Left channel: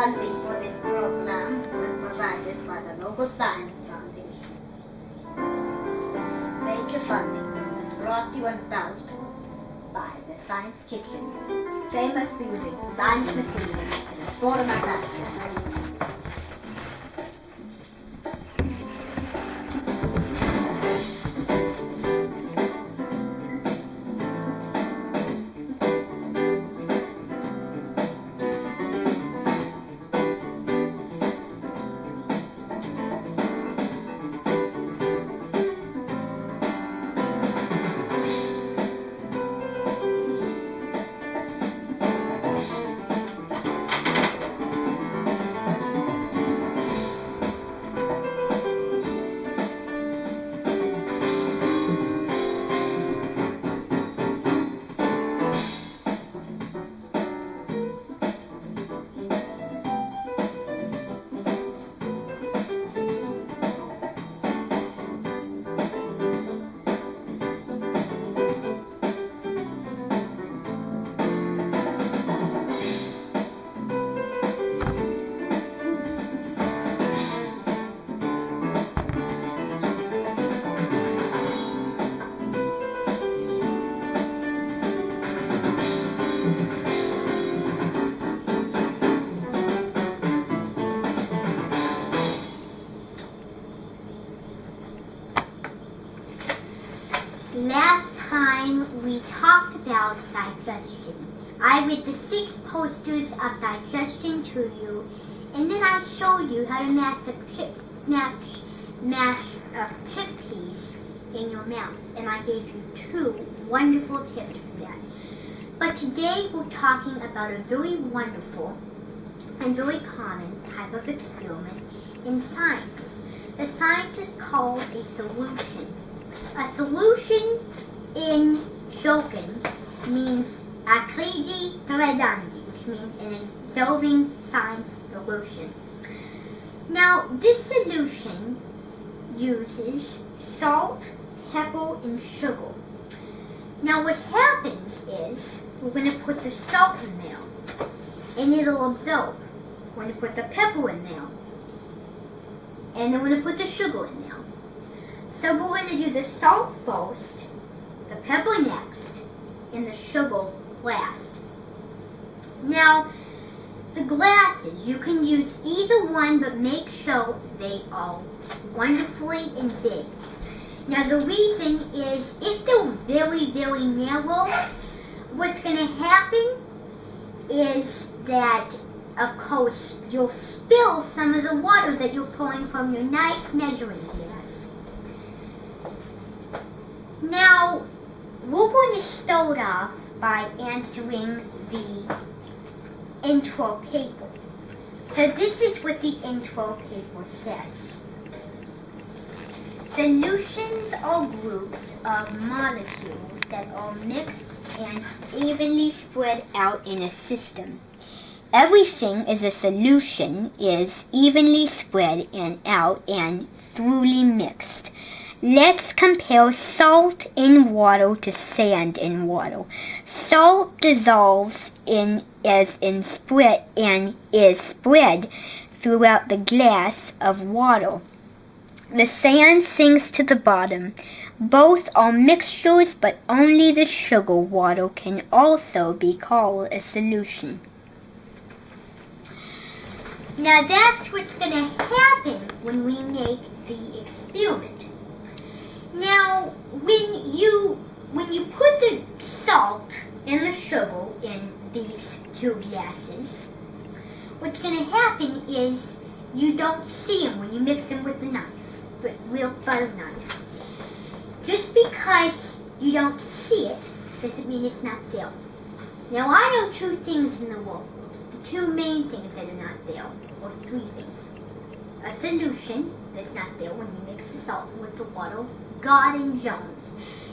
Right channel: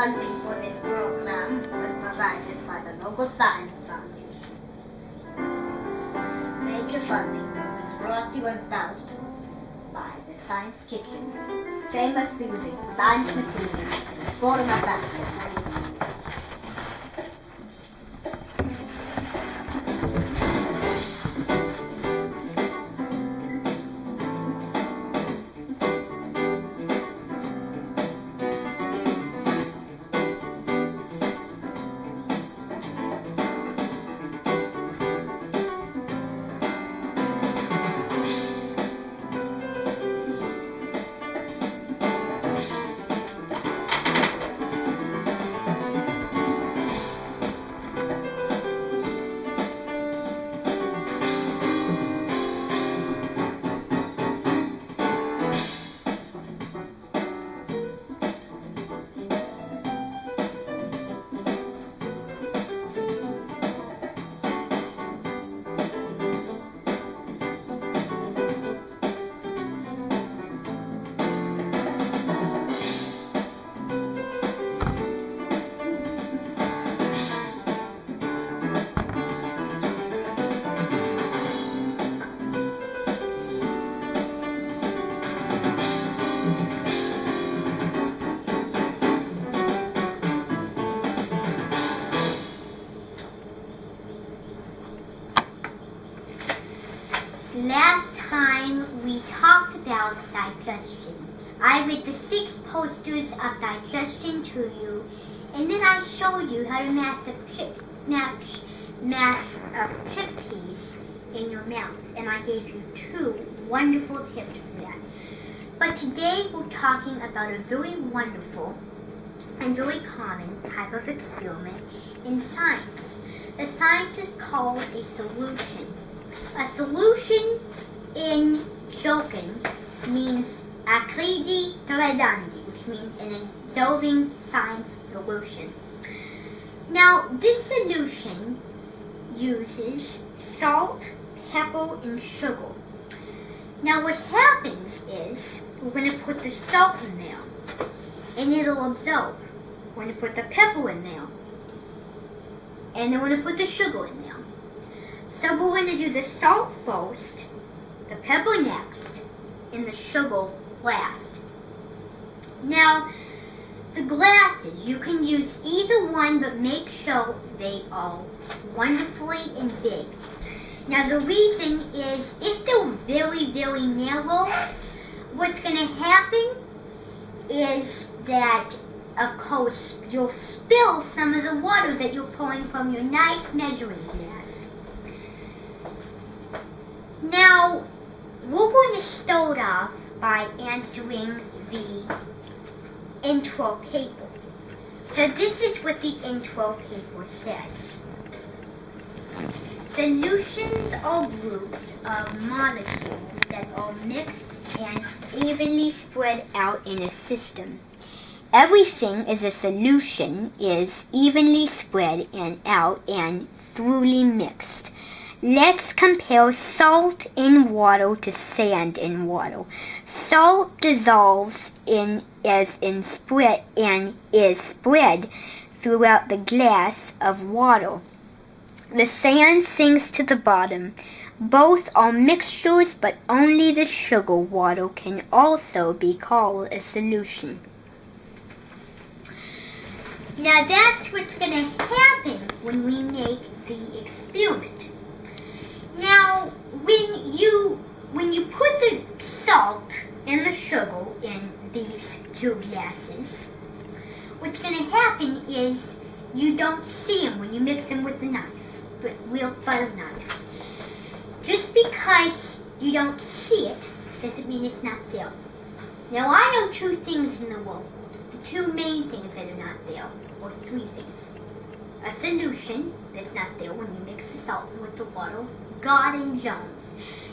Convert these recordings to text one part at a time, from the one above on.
Funding for this program was provided by the local Science Foundation. Major funding was brought to you by the Science Kitchen, famous for using science materials in the sport of mathematics. Last time we talked about digestion. I read the 6 posters of digestion to you, and then I showed you how to mash chickpeas in your mouth, and I gave you 2 wonderful tips for that. But today we're talking about a very wonderful and very common type of experiment in science. The science is called a solution. A solution in Jokin means akridi tradandi, which means an dissolving science solution. Now, this solution uses salt, pepper, and sugar. Now, what happens is we're going to put the salt in there, and it'll absorb. We're going to put the pepper in there, and then we're going to put the sugar in there. So we're going to do the salt first, the pepper next, and the sugar last. Now, the glasses, you can use either one, but make sure they are wonderfully and big. Now, the reason is if they're very, very narrow, what's going to happen is that, of course, you'll spill some of the water that you're pouring from your nice measuring glass. Now, we're going to start off by answering the intro paper. So this is what the intro paper says. Solutions are groups of molecules that are mixed and evenly spread out in a system. Everything is a solution is evenly spread and out and thoroughly mixed. Let's compare salt in water to sand in water. Salt dissolves spread throughout the glass of water. The sand sinks to the bottom. Both are mixtures, but only the sugar water can also be called a solution. Now that's what's going to happen when we make the experiment. Now, when you put the salt and the sugar in these 2 glasses, what's going to happen is you don't see them when you mix them with the knife, but real butter knife. Just because you don't see it doesn't mean it's not there. Now, I know 2 things in the world. The 2 main things that are not there, or 3 things. A solution that's not there when you mix the salt with the water, God and Jones.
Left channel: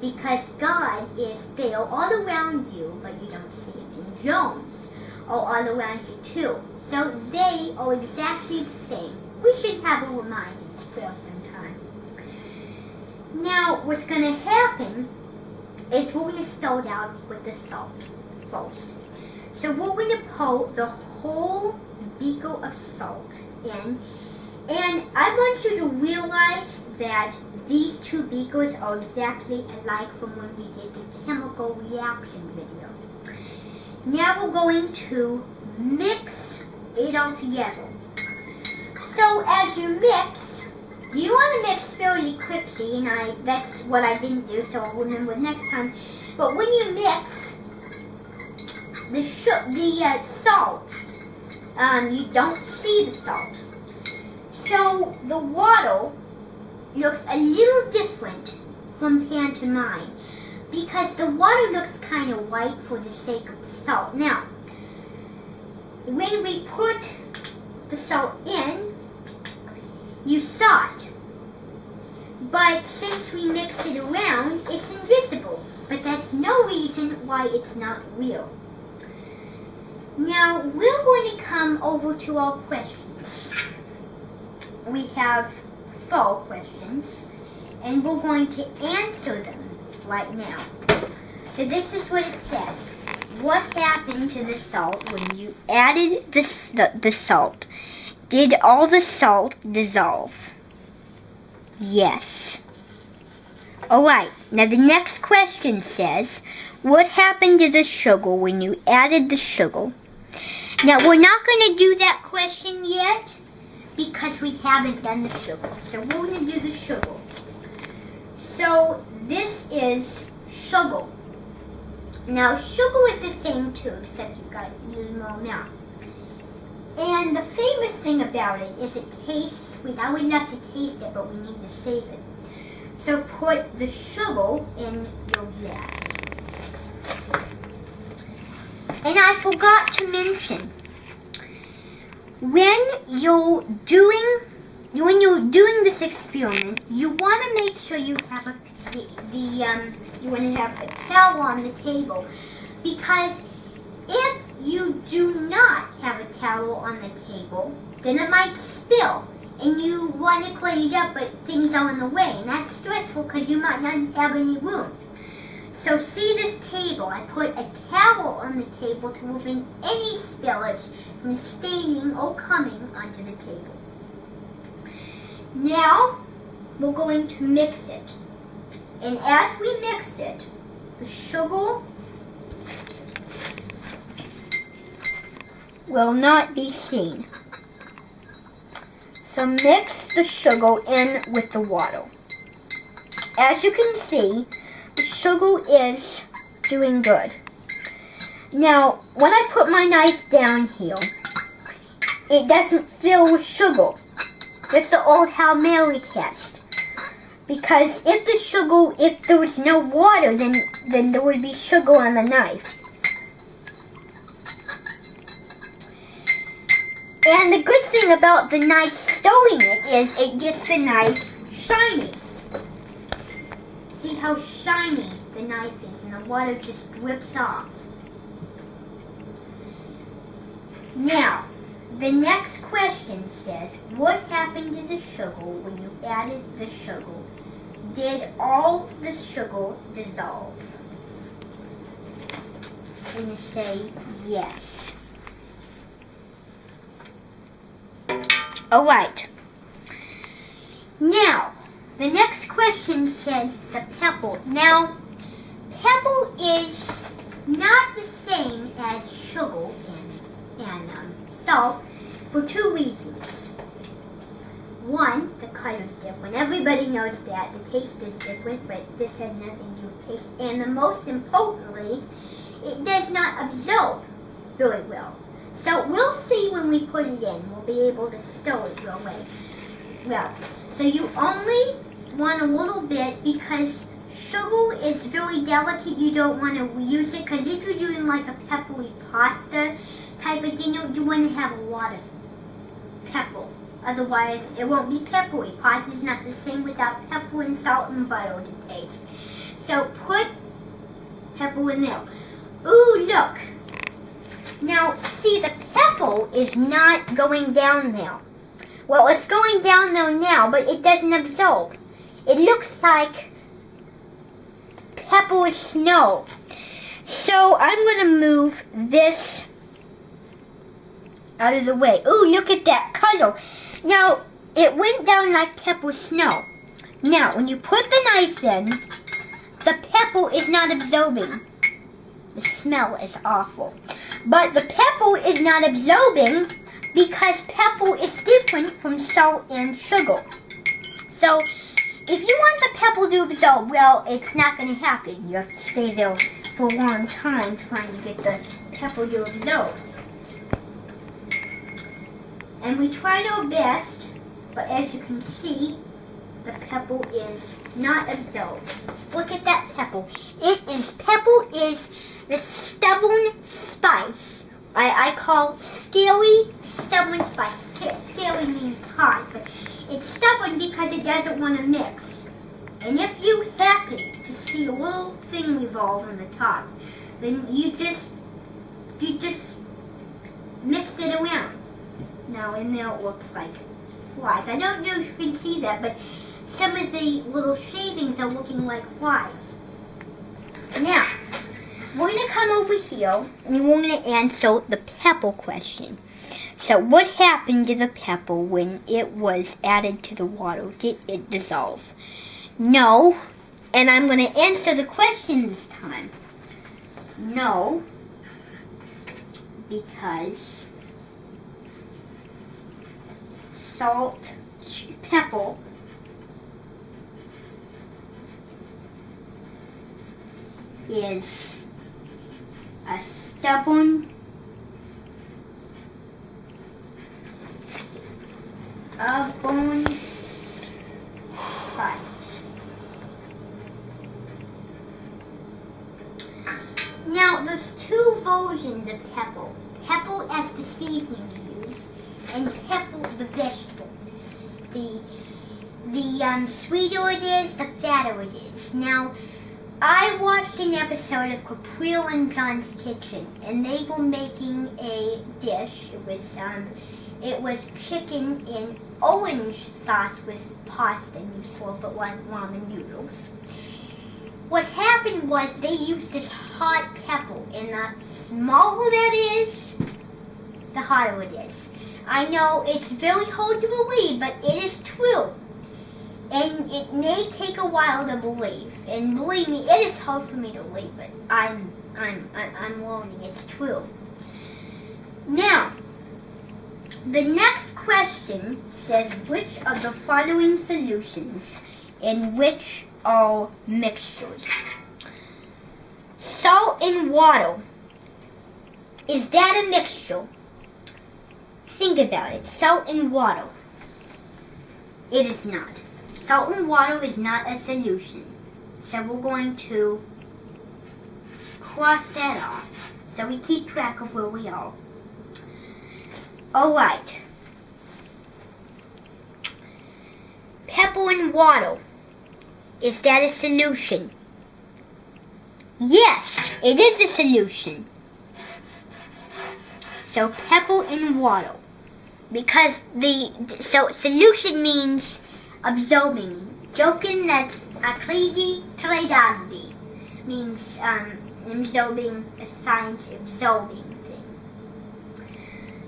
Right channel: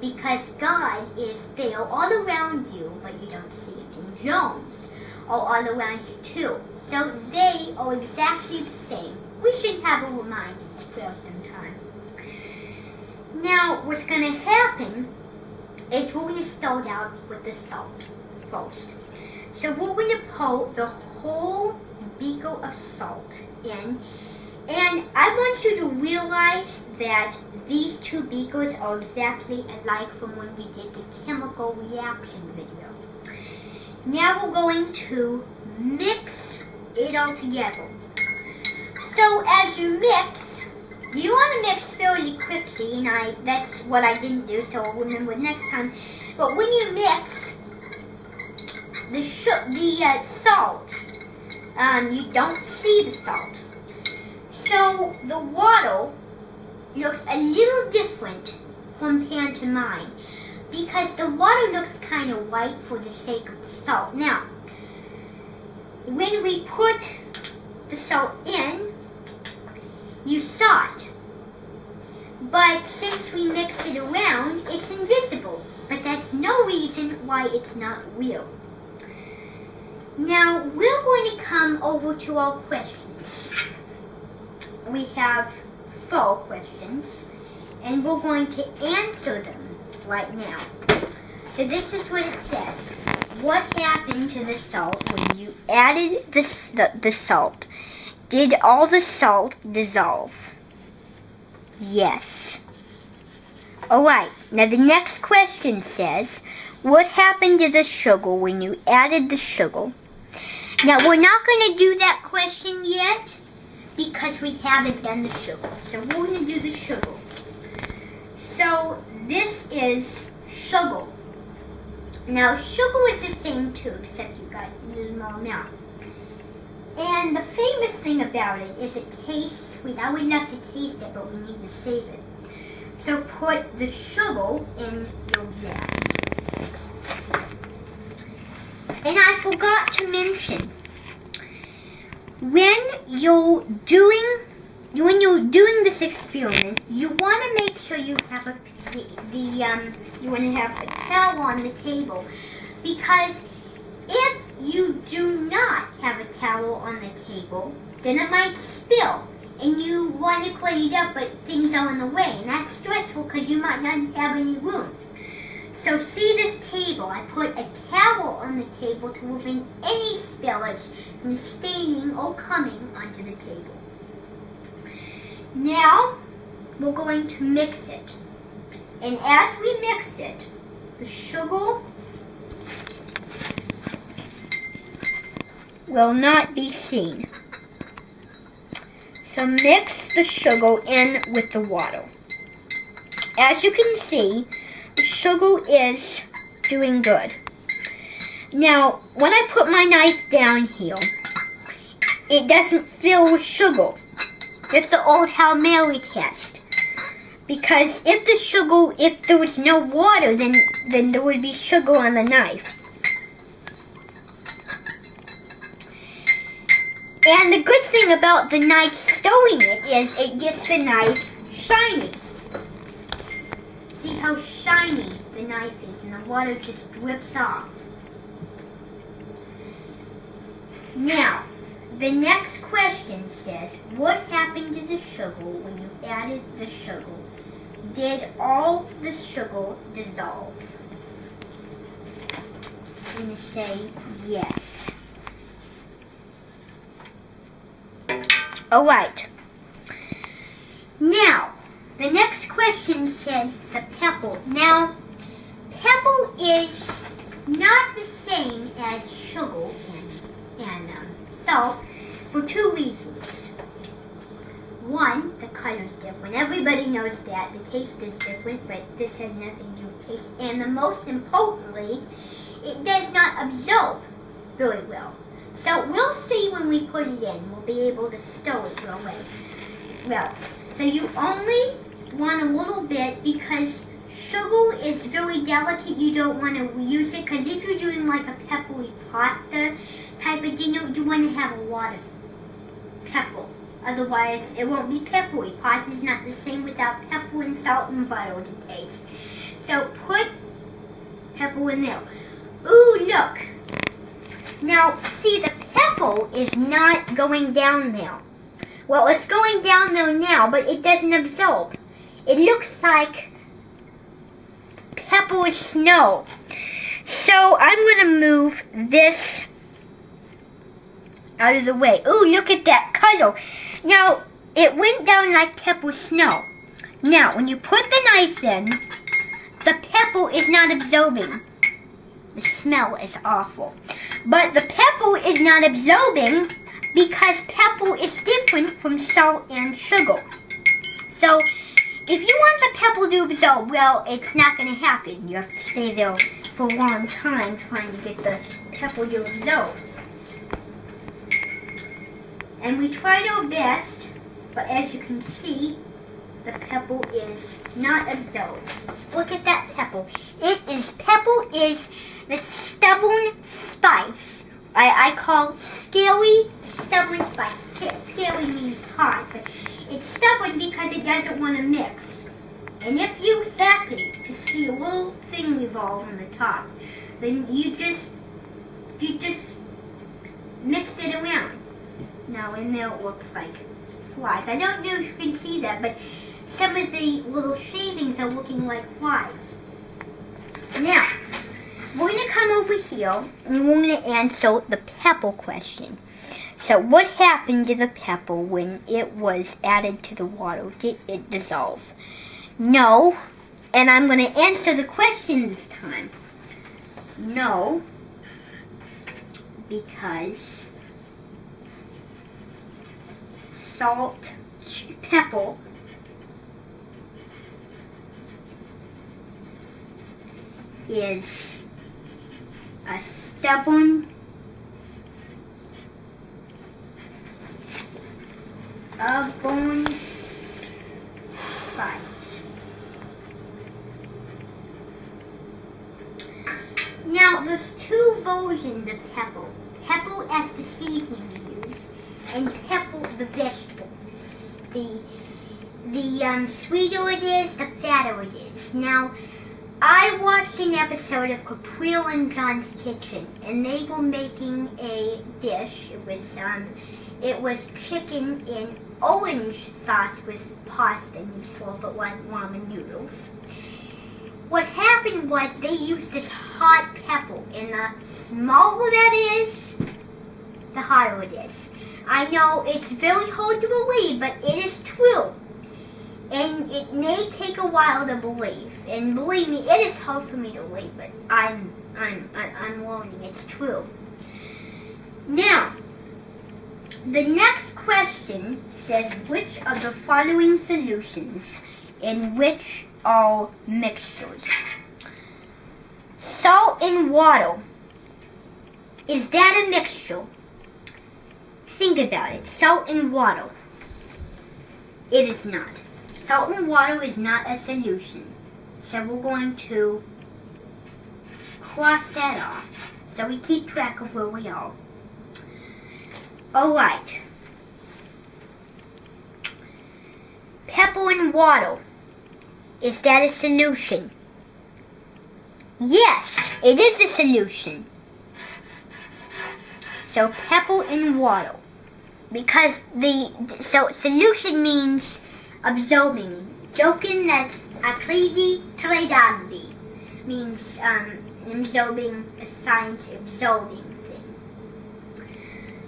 Because God is there all around you, but you don't see it. And Jones are all around you too. So they are exactly the same. We should have a reminders prayer sometime. Now, what's going to happen is we're going to start out with the salt first. So we're going to pour the whole beaker of salt in. And I want you to realize that these two beakers are exactly alike from when we did the chemical reaction video. Now we're going to mix it all together. So as you mix, you want to mix fairly quickly, and that's what I didn't do, so I'll remember next time. But when you mix the salt, you don't see the salt. So the water looks a little different from pan to mine, because the water looks kind of white for the sake of the salt. Now, when we put the salt in, you saw it. But since we mixed it around, it's invisible. But that's no reason why it's not real. Now, we're going to come over to our questions. We have 4 questions, and we're going to answer them right now. So this is what it says. What happened to the salt when you added the salt? Did all the salt dissolve? Yes. Alright, now the next question says, what happened to the sugar when you added the sugar? Now we're not going to do that question yet because we haven't done the sugar. So we're going to do the sugar. So this is sugar. Now sugar is the same too, except you've got a little more now. And the famous thing about it is it tastes sweet. I would love to taste it, but we need to save it. So put the sugar in your glass. And I forgot to mention, when you're doing this experiment, you want to make sure you have you want to have a towel on the table, because if you do not have a towel on the table, then it might spill, and you want to clean it up, but things are in the way, and that's stressful because you might not have any room. So see this table, I put a towel on the table to prevent any spillage from staining or coming onto the table. Now, we're going to mix it. And as we mix it, the sugar will not be seen. So mix the sugar in with the water. As you can see, the sugar is doing good. Now, when I put my knife down here, it doesn't fill with sugar. It's the old Hail Mary test. Because if there was no water, then there would be sugar on the knife. And the good thing about the knife stirring it is it gets the knife shiny. See how shiny the knife is, and the water just drips off. Now, the next question says, what happened to the sugar when you added the sugar? Did all the sugar dissolve? And you say yes. Alright. Now, the next question says the pebble. Now, pebble is not the same as sugar and salt for 2 reasons. One, the color is different. Everybody knows that. The taste is different, but this has nothing to do with taste. And the most importantly, it does not absorb very well. So we'll see when we put it in. We'll be able to stir it real well. So you only want a little bit because sugar is very delicate. You don't want to use it because if you're doing like a peppery pasta type of dinner, you want to have a lot of pepper. Otherwise, it won't be peppery. Pasta is not the same without pepper and salt and butter to taste. So put pepper in there. Ooh, look. Now, see, the pepper is not going down there. Well, it's going down there now, but it doesn't absorb. It looks like pepper is snow. So I'm going to move this out of the way. Ooh, look at that cuddle. Now, it went down like pebble snow. Now, when you put the knife in, the pebble is not absorbing. The smell is awful. But the pebble is not absorbing because pebble is different from salt and sugar. So, if you want the pebble to absorb, well, it's not going to happen. You have to stay there for a long time trying to get the pebble to absorb. And we tried our best, but as you can see, the pebble is not absorbed. Look at that pebble. Pebble is the stubborn spice. I call scary stubborn spice. Scary means hard, but it's stubborn because it doesn't want to mix. And if you're happy to see a little thing revolve on the top, then you just mix it around. Now in there it looks like flies. I don't know if you can see that, but some of the little shavings are looking like flies. Now, we're going to come over here and we're going to answer the pebble question. So, what happened to the pebble when it was added to the water? Did it dissolve? No. And I'm going to answer the question this time. No. Because pebble is a stubborn spice. Now, there's two versions of pebble. Pebble as the seasoning you use, and pebble the vegetable. The sweeter it is, the fatter it is. Now, I watched an episode of Capril and John's Kitchen, and they were making a dish. It was chicken in orange sauce with pasta, and you slurp it like ramen noodles. What happened was they used this hot pebble, and the smaller that is, the hotter it is. I know it's very hard to believe, but it is true. And it may take a while to believe. And believe me, it is hard for me to believe, but I'm learning. It's true. Now, the next question says, which of the following solutions and which are mixtures? Salt and water. Is that a mixture? Think about it. Salt and water. It is not. Salt and water is not a solution. So we're going to cross that off so we keep track of where we are. Alright. Pepper and water. Is that a solution? Yes, it is a solution. So pepper and water. Because so solution means absorbing. Joking that's aklidi teledagdi means absorbing a science absorbing thing.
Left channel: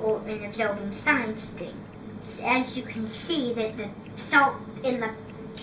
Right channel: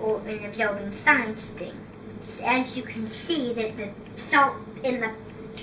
Or an absorbing science thing. As you can see that the salt and the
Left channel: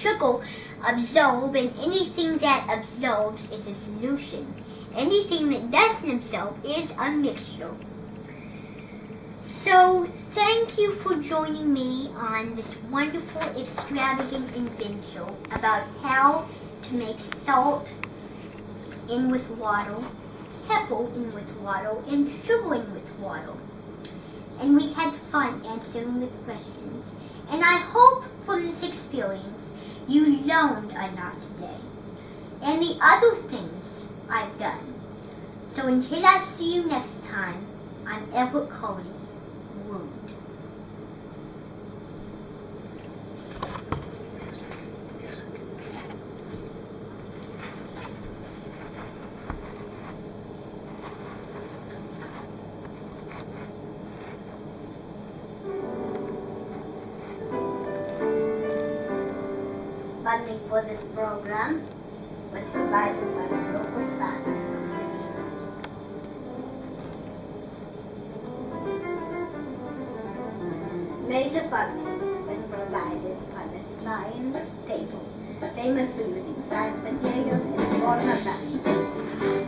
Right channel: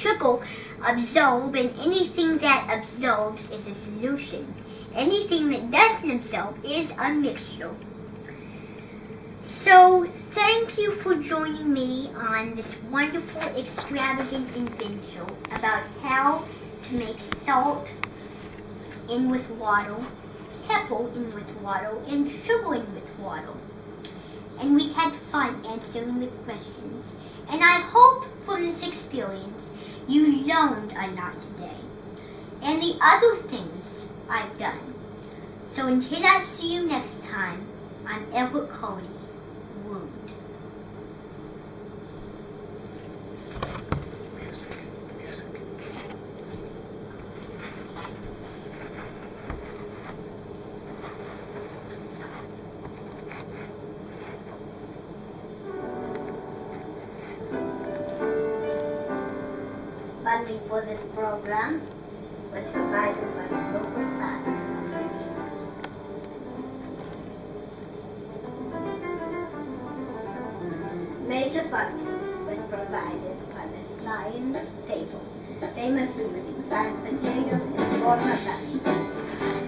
sugar absorb, and anything that absorbs is a solution. Anything that doesn't absorb is a mixture. So, thank you for joining me on this wonderful, extravagant adventure about how to make salt in with water, pepper in with water, and sugar in with water. And we had fun answering the questions. And I hope from this experience you learned a lot today. And the other things I've done. So until I see you next time, I'm Everett Cody. Wound. Funding for this program was provided by the local fund. a fun when provided by the flying table. Famous food, mashed potatoes, and warm nuts.